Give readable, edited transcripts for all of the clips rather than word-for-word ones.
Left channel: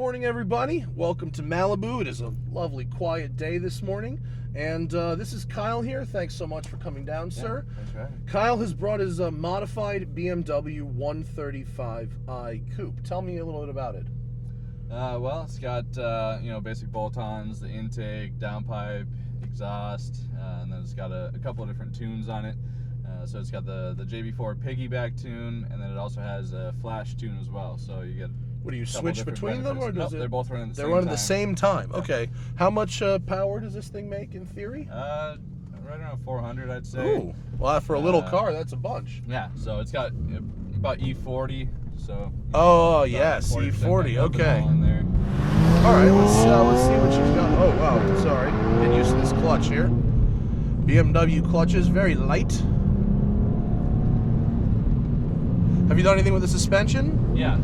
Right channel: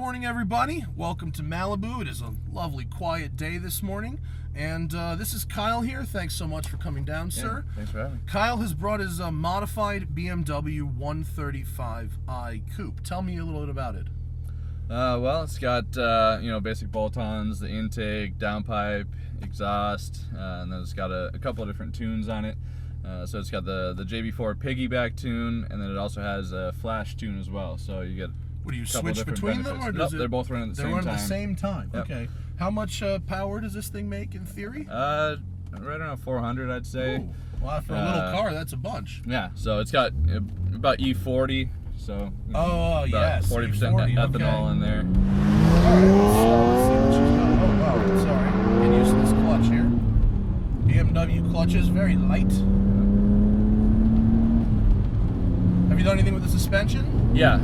morning, everybody. Welcome to Malibu. It is a lovely, quiet day this morning. And this is Kyle here. Thanks so much for coming down, sir. Thanks for having me. Kyle has brought his modified BMW 135i Coupe. Tell me a little bit about it. Well, it's got, basic bolt-ons, the intake, downpipe, exhaust, and then it's got a couple of different tunes on it. So it's got the JB4 piggyback tune, and then it also has a flash tune as well. So you get What do you switch between them, or nope, they're both running at the same time. They're running at the same time. Yep. Okay. How much power does this thing make in theory? Right around 400, I'd say. Ooh. Well, for a little car, that's a bunch. Yeah. So it's got about E40. So. Oh yes, E40. Okay. Ethanol in there. All right. Let's see what she's got. Oh wow. Sorry. Get used to this clutch here. BMW clutches, very light. Have you done anything with the suspension? Yeah,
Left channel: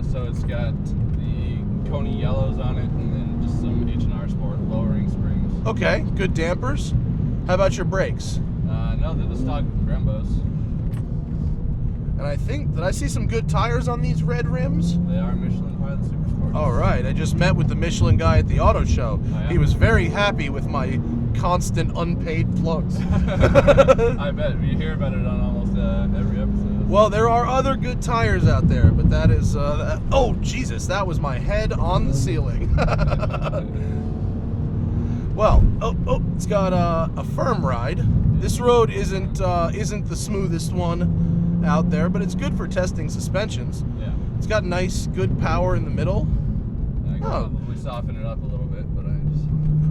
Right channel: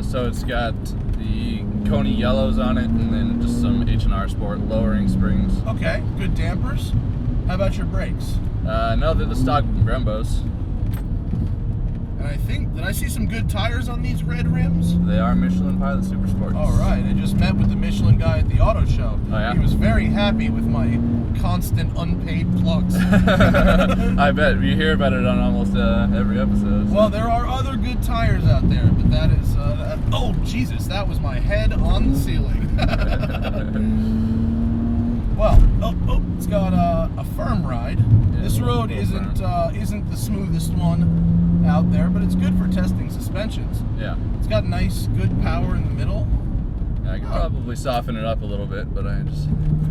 so it's got the Coney yellows on it, and then just some H&R Sport lowering springs. Okay, good dampers. How about your brakes? No, they're the stock Brembos. And I think, did I see some good tires on these red rims? They are Michelin Pilot Super Sports. All right, I just met with the Michelin guy at the auto show. Oh, yeah? He was very happy with my constant unpaid plugs. I bet. You hear about it on almost every episode. Well, there are other good tires out there, but that is, oh, Jesus, that was my head on the ceiling. Well, it's got a firm ride. Yeah, This road isn't the smoothest one out there, but it's good for testing suspensions. Yeah. It's got nice, good power in the middle. Yeah, I could probably soften it up a little bit, but I just...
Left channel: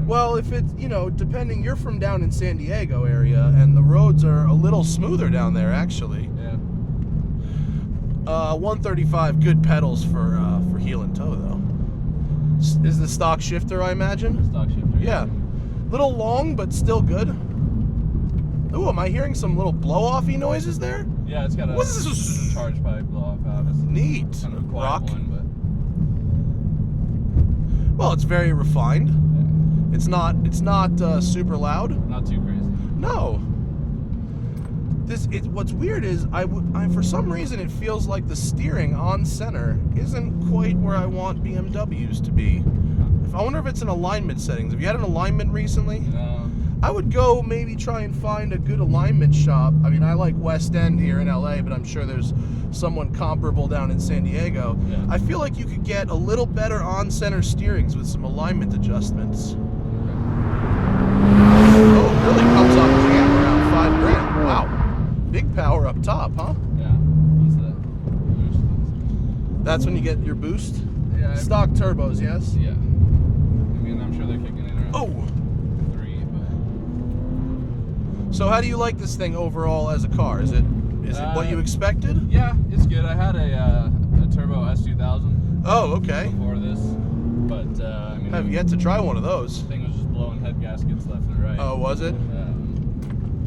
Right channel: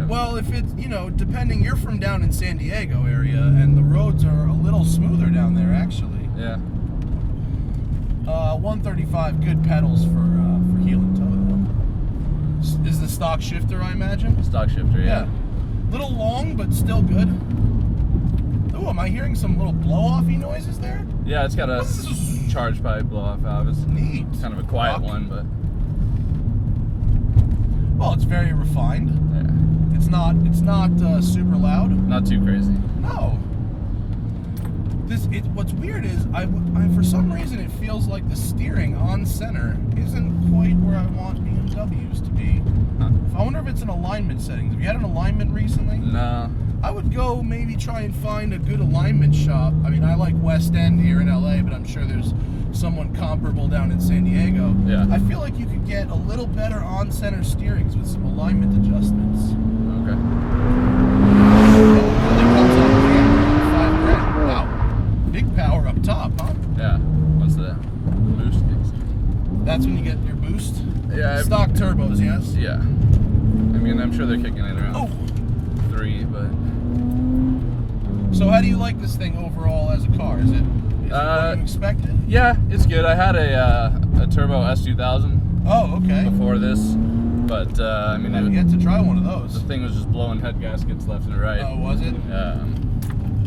Well, if it's, depending, you're from down in San Diego area, and the roads are a little smoother down there, actually. Yeah. 135, good pedals for heel and toe, though. Is the stock shifter, I imagine? Stock shifter, yeah. Little long, but still good. Oh, am I hearing some little blow-offy noises there? Yeah, it's got a charge pipe blow-off valve. It's neat. Kind of a quiet one, but... Well, it's very refined. Yeah. It's not super loud. Not too crazy. No. What's weird is I for some reason it feels like the steering on center isn't quite where I want BMWs to be. Huh. I wonder if it's in alignment settings. Have you had an alignment recently? No. I would go maybe try and find a good alignment shop. I mean, I like West End here in LA, but I'm sure there's someone comparable down in San Diego. Yeah. I feel like you could get a little better on-center steerings with some alignment adjustments. Okay. Wow. Big power up top, huh? Yeah. Once the boost kicks in. That's when you get your boost? Yeah. Stock turbos, yes? Yeah. I mean, I'm sure they're kicking in around 3, but... So how do you like this thing overall as a car? Is it what you expected? Yeah, it's good. I had a turbo S2000. Oh, okay. Before this, but I mean, I've yet to try one of those. The thing was just blowing head gaskets left and right. Oh, was it?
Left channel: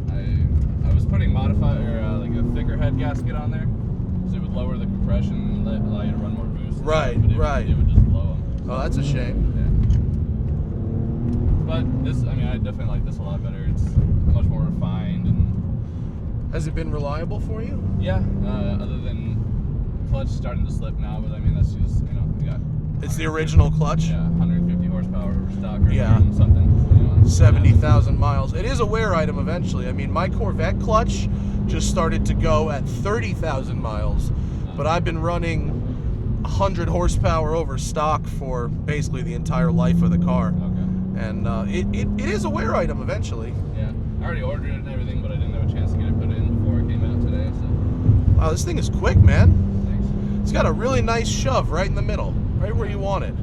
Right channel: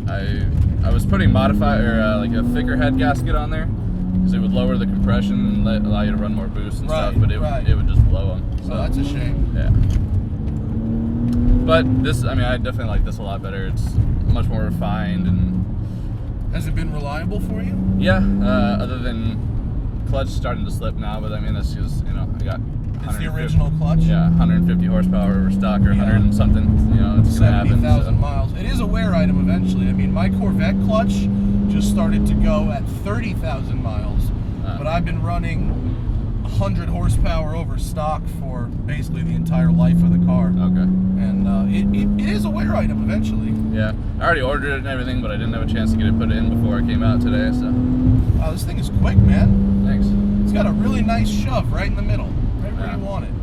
I was putting modified like a thicker head gasket on there because it would lower the compression and allow you to run more boost and stuff. But it would just blow them. So, well, that's a shame. Yeah. But this, I mean, I definitely like this a lot better. It's much more refined and. Has it been reliable for you? Yeah, other than clutch starting to slip now, but I mean that's just I got. It's the original clutch. Yeah, 150 horsepower over stock or 100 and something. It's 70,000 miles. It is a wear item eventually. I mean, my Corvette clutch just started to go at 30,000 miles, but I've been running 100 horsepower over stock for basically the entire life of the car. Okay. And it is a wear item eventually. Yeah, I already ordered it and everything, but I didn't have a chance to get it put in before it came out today. So. Wow, this thing is quick, man. Thanks. It's got a really nice shove right in the middle, right where you want it.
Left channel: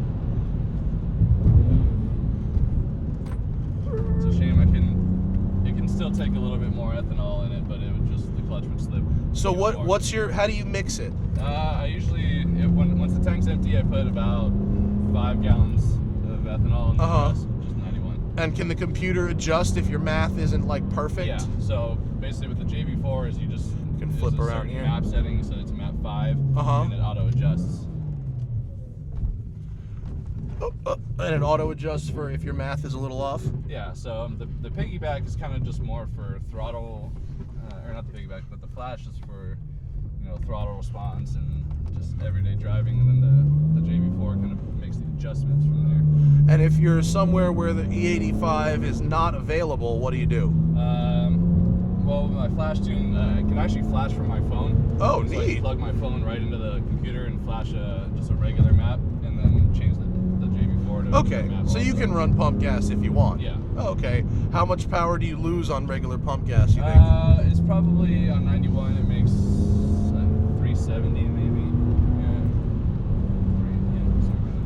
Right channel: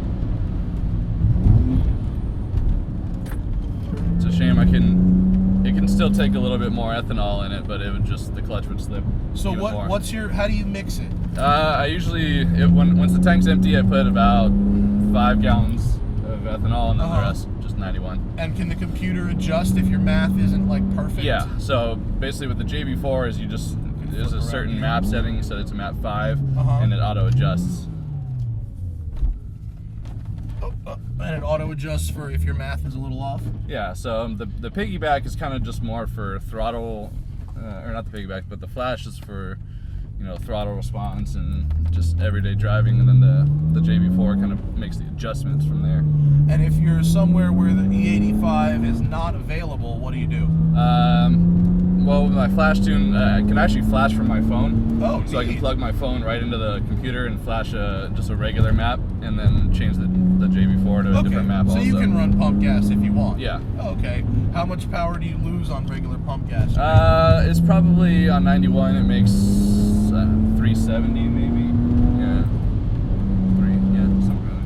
It's a shame it can still take a little bit more ethanol in it, but the clutch would slip. So how do you mix it? I usually, once the tank's empty, I put about 5 gallons of ethanol and then the rest just 91. And can the computer adjust if your math isn't like perfect? Yeah, so basically with the JB4 is there's a certain map setting, so it's a map 5, and it auto adjusts. And it auto adjusts for if your math is a little off? Yeah, so the piggyback is kind of just more for throttle, or not the piggyback, but the flash is for throttle response and just everyday driving, and then the JB4 kind of makes the adjustments from there. And if you're somewhere where the E85 is not available, what do you do? Well, with my flash tune, I can actually flash from my phone. Oh, neat. So I can plug my phone right into the computer and flash just a regular map, and then change the JB4 to a different map. So you can run pump gas if you want. Yeah. Oh, okay. How much power do you lose on regular pump gas? It's probably on 91. It makes 370 maybe.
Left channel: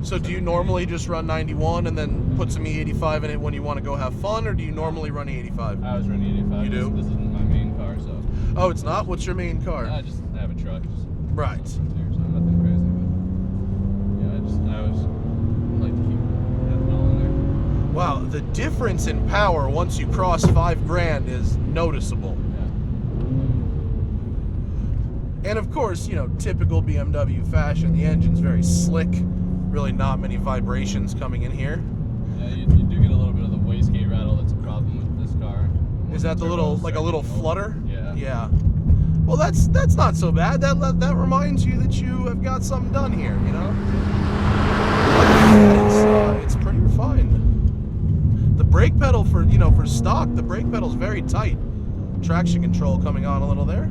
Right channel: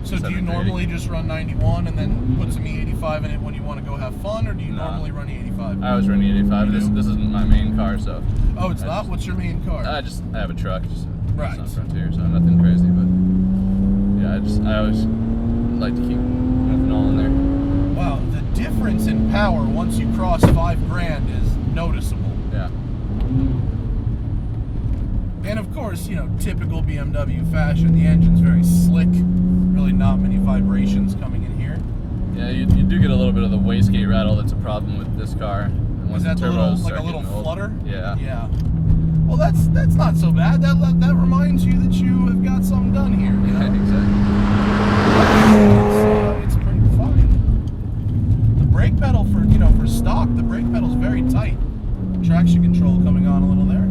So do you normally just run 91 and then put some E85 in it when you want to go have fun, or do you normally run E85? I always run E85. This isn't my main car, so. Oh, it's not? What's your main car? I have a truck, just right. It's not Frontier, so nothing crazy, but yeah, I always like to keep ethanol in there. Wow, the difference in power once you cross $5,000 is noticeable. Yeah. And of course, typical BMW fashion, the engine's very slick. Really not many vibrations coming in here. Yeah, you do get a little bit of the wastegate rattle. That's a problem with this car. Is that the little flutter? Yeah. Yeah. Well, that's not so bad. That reminds you that you have got something done here. It's pretty fine. The brake pedal for stock, the brake pedal's very tight. Traction control coming on a little there.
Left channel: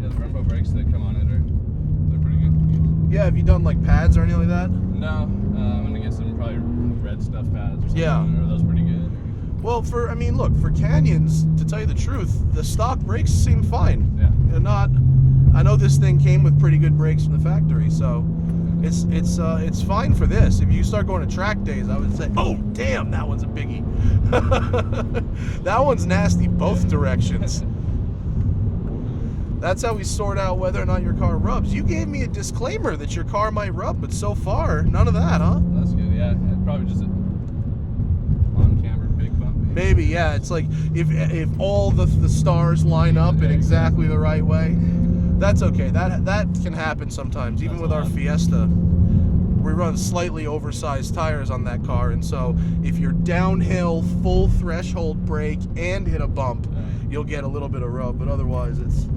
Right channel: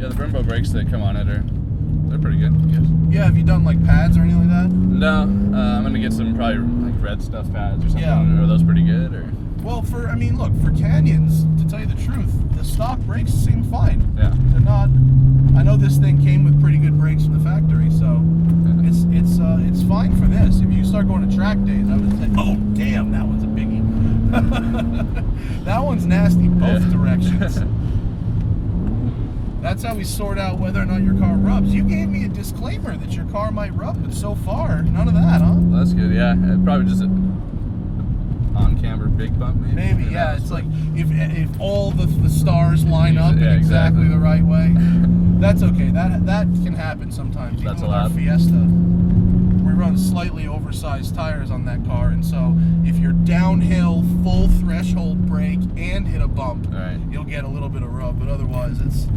Yeah, the Brembo brakes that come on it they're pretty good, I guess. Yeah, have you done like pads or anything like that? No, I'm gonna get some probably like red stuff pads or something. Yeah. Are those pretty good or? Well, look, for canyons, to tell you the truth, the stock brakes seem fine. Yeah. They're not. I know this thing came with pretty good brakes from the factory, so it's fine for this. If you start going to track days, I would say, oh damn, that one's a biggie. That one's nasty both directions. That's how we sort out whether or not your car rubs. You gave me a disclaimer that your car might rub, but so far, none of that, huh? Well, that's good, yeah. Probably just an on-camera big bump, maybe. Maybe, yeah. It's like if all the stars line up in exactly the right way. That's okay. That can happen sometimes. Even with our Fiesta, we run slightly oversized tires on that car, and so if you're downhill, full threshold brake, and hit a bump, you'll get a little bit of rub. But otherwise, it's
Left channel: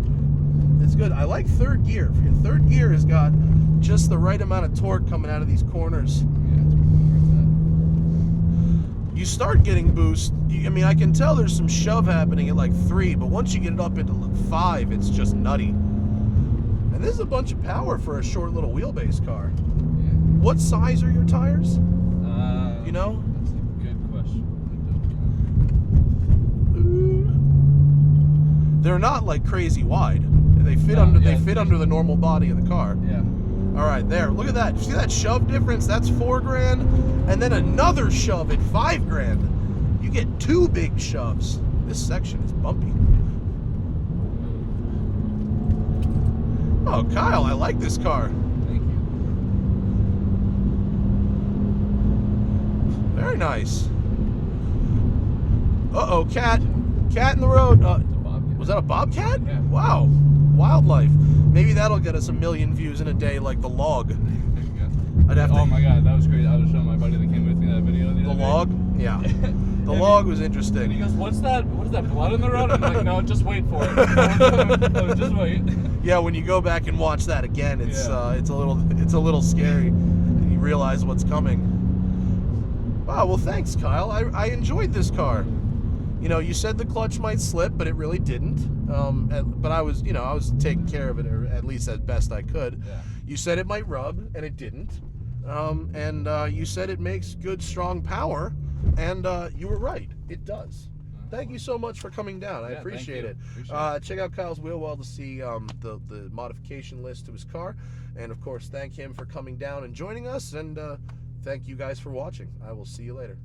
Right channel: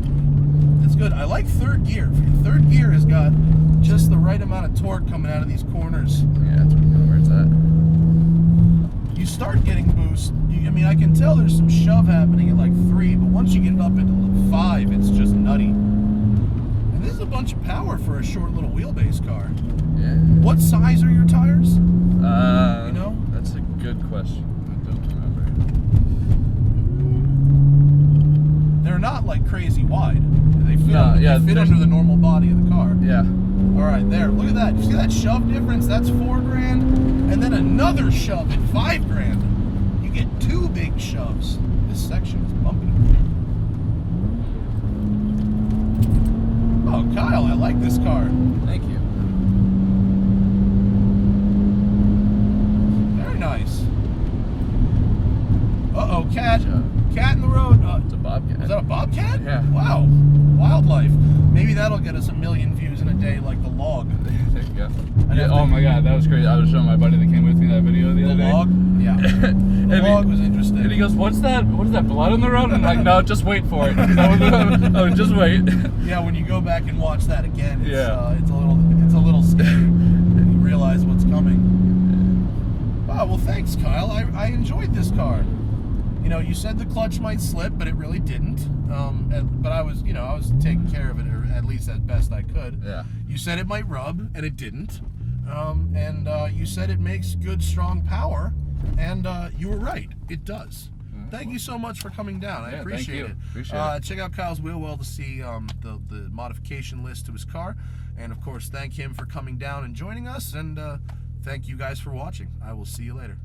good. I like third gear. Third gear has got just the right amount of torque coming out of these corners. Yeah, that's where it's at. You start getting boost. I can tell there's some shove happening at like 3, but once you get it up into 5, it's just nutty. And this is a bunch of power for a short little wheelbase car. Yeah. What size are your tires? That's a good question. I don't remember. They're not like crazy wide. They fit under the normal body of the car. Yeah. All right, there. Look at that. See that shove difference? That's $4,000, and then another shove at $5,000. You get 2 big shoves. This section is bumpy. Oh, Kyle, I like this car. Thank you. Very nice. Uh-oh, cat. Cat in the road. It's a bobcat. Was that a bobcat? Yeah. Wow. Wildlife. Maybe that'll get us 1 million views in a day like the log. There you go. Oh my god, that was crazy. I was showing my buddy that came with me that video the other day. The log? Yeah. The log was interesting. And he goes, What is that blood in the road? I'm like, no, just wait for it. Oh, just wait. Yeah, when you go back and watch that again, it's a little scary. And you realize what's coming. Wow, well thanks, Kyle. I enjoyed this car. You said the clutch might slip, but it really didn't. But I was taking care of it, or at least as best I could. Yeah. You said it might rub, and it didn't. And you said it makes good, strong power, and you were right. It does. Thank you so much for coming down. I appreciate it. Check out Kyle's WheelWell to see the modification list to his car, and of course, thank him for coming down and joining us. And thank you guys for watching. I will see you later.